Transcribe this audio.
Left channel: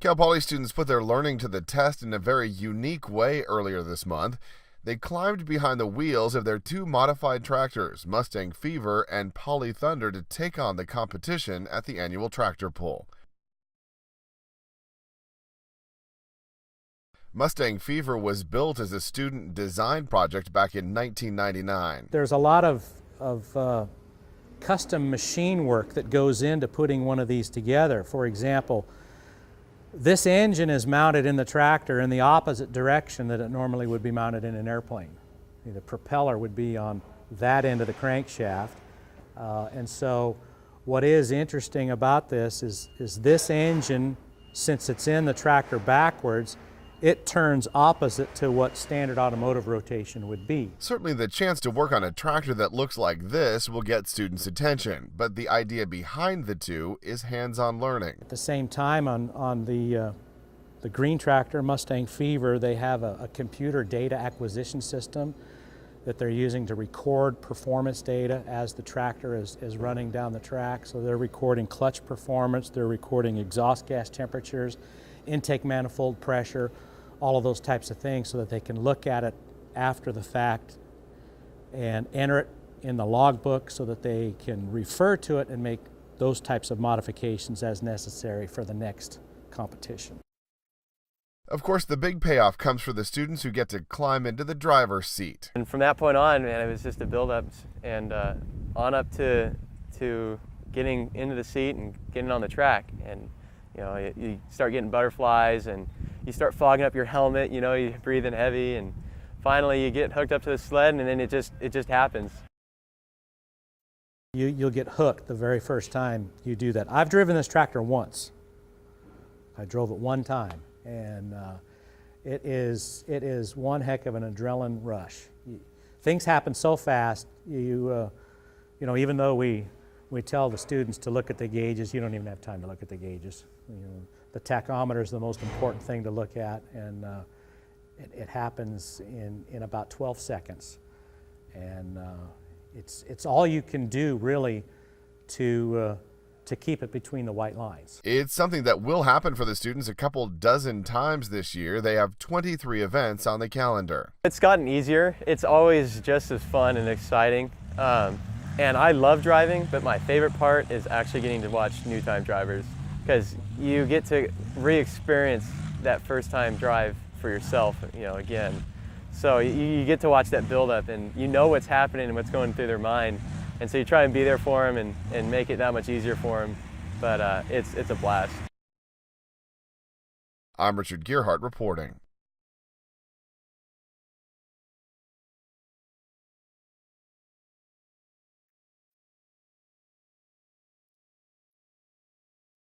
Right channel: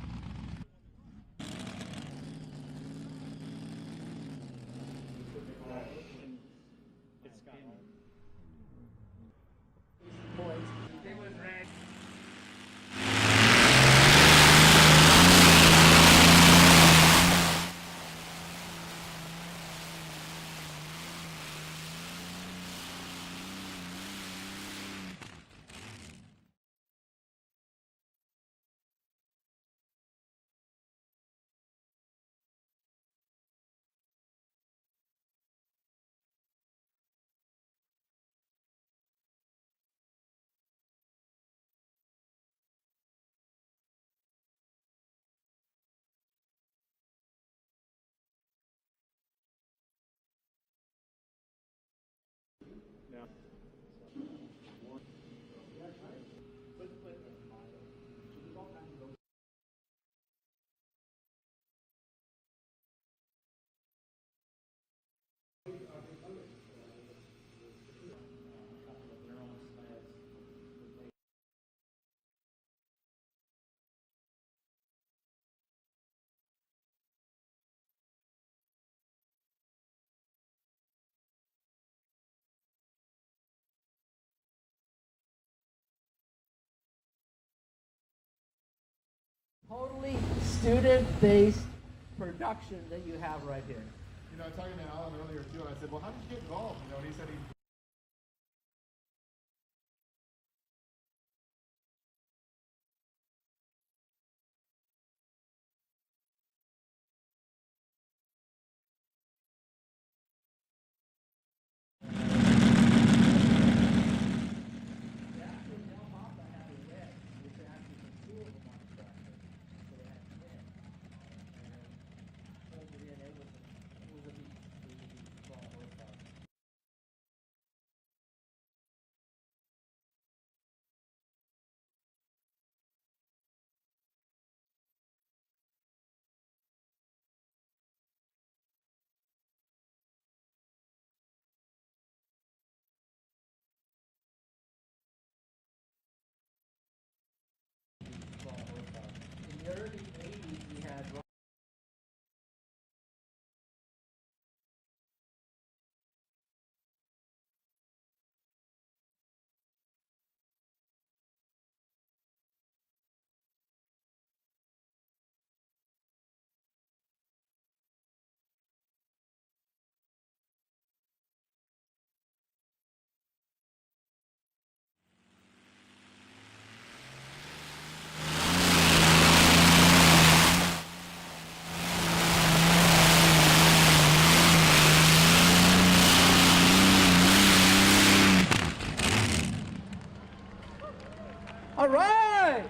Cal Poly students put their learning to the test in a very unique way earlier this month. They climbed behind the wheels of their two modified tractors, Mustang Fever and Poly Thunder, to take on the competition at the annual tractor pull. Mustang Fever was built as a student design project back in 1999. There's a lot of custom machine work that goes into putting one of these together. For example, this engine is mounted in the tractor in the opposite direction that it normally would be mounted in an airplane. The propeller would be on that end of the crankshaft. And so what is interesting about this is this engine, since it's in the tractor backwards, it turns opposite to what standard automotive rotation would be. Certainly the chance to work on a tractor that looks like this will get students' attention, but the idea behind the two is hands-on learning. At the same time, on the green tractor, Mustang Fever, they have a computer data acquisition system that they're using to record performance data as the tractor is running down the track. So they're recording clutch performance, they're recording exhaust gas temperatures, intake manifold pressure, all of those types of things, so that they can look at it after the fact and enter it in the logbook so that they can refer to it and make those types of modifications as necessary for the next competition. Of course, the big payoff comes for the students who get to climb into the driver's seat. And from that point on, man, it was just a build-up and on up to getting into the seat and getting on the track. And you know, you start getting butterflies and you start fogging up your helmet, you know, you breathe in heavy, and finally you get hooked up to the sled, and then it just happens. You'll get hooked the very first time you do that. I've driven this tractor once. I drove it one time, and it is one heck of an adrenaline rush. Things happen so fast. You know, even though we tell the students to look at the gauges, you don't even have time to look at the gauges. You know, the tachometer is the most important thing to look at, and it happens in about 12 seconds. And it's all you can do really to keep it between the white lines. It's something that will happen for the students a couple dozen times this year. They have 23 events on the calendar. It's gotten easier. It's always just as fun and exciting. And I love driving, but my favorite part is actually getting to watch new time drivers, because you get to re-experience that first time drive for yourself, you know, again. So you get to watch that build up, and you know what's happening and what's going through their mind. And so you try and be there for them and make it that much easier for them. But it's a blast. I'm Richard Gearhart reporting. All right!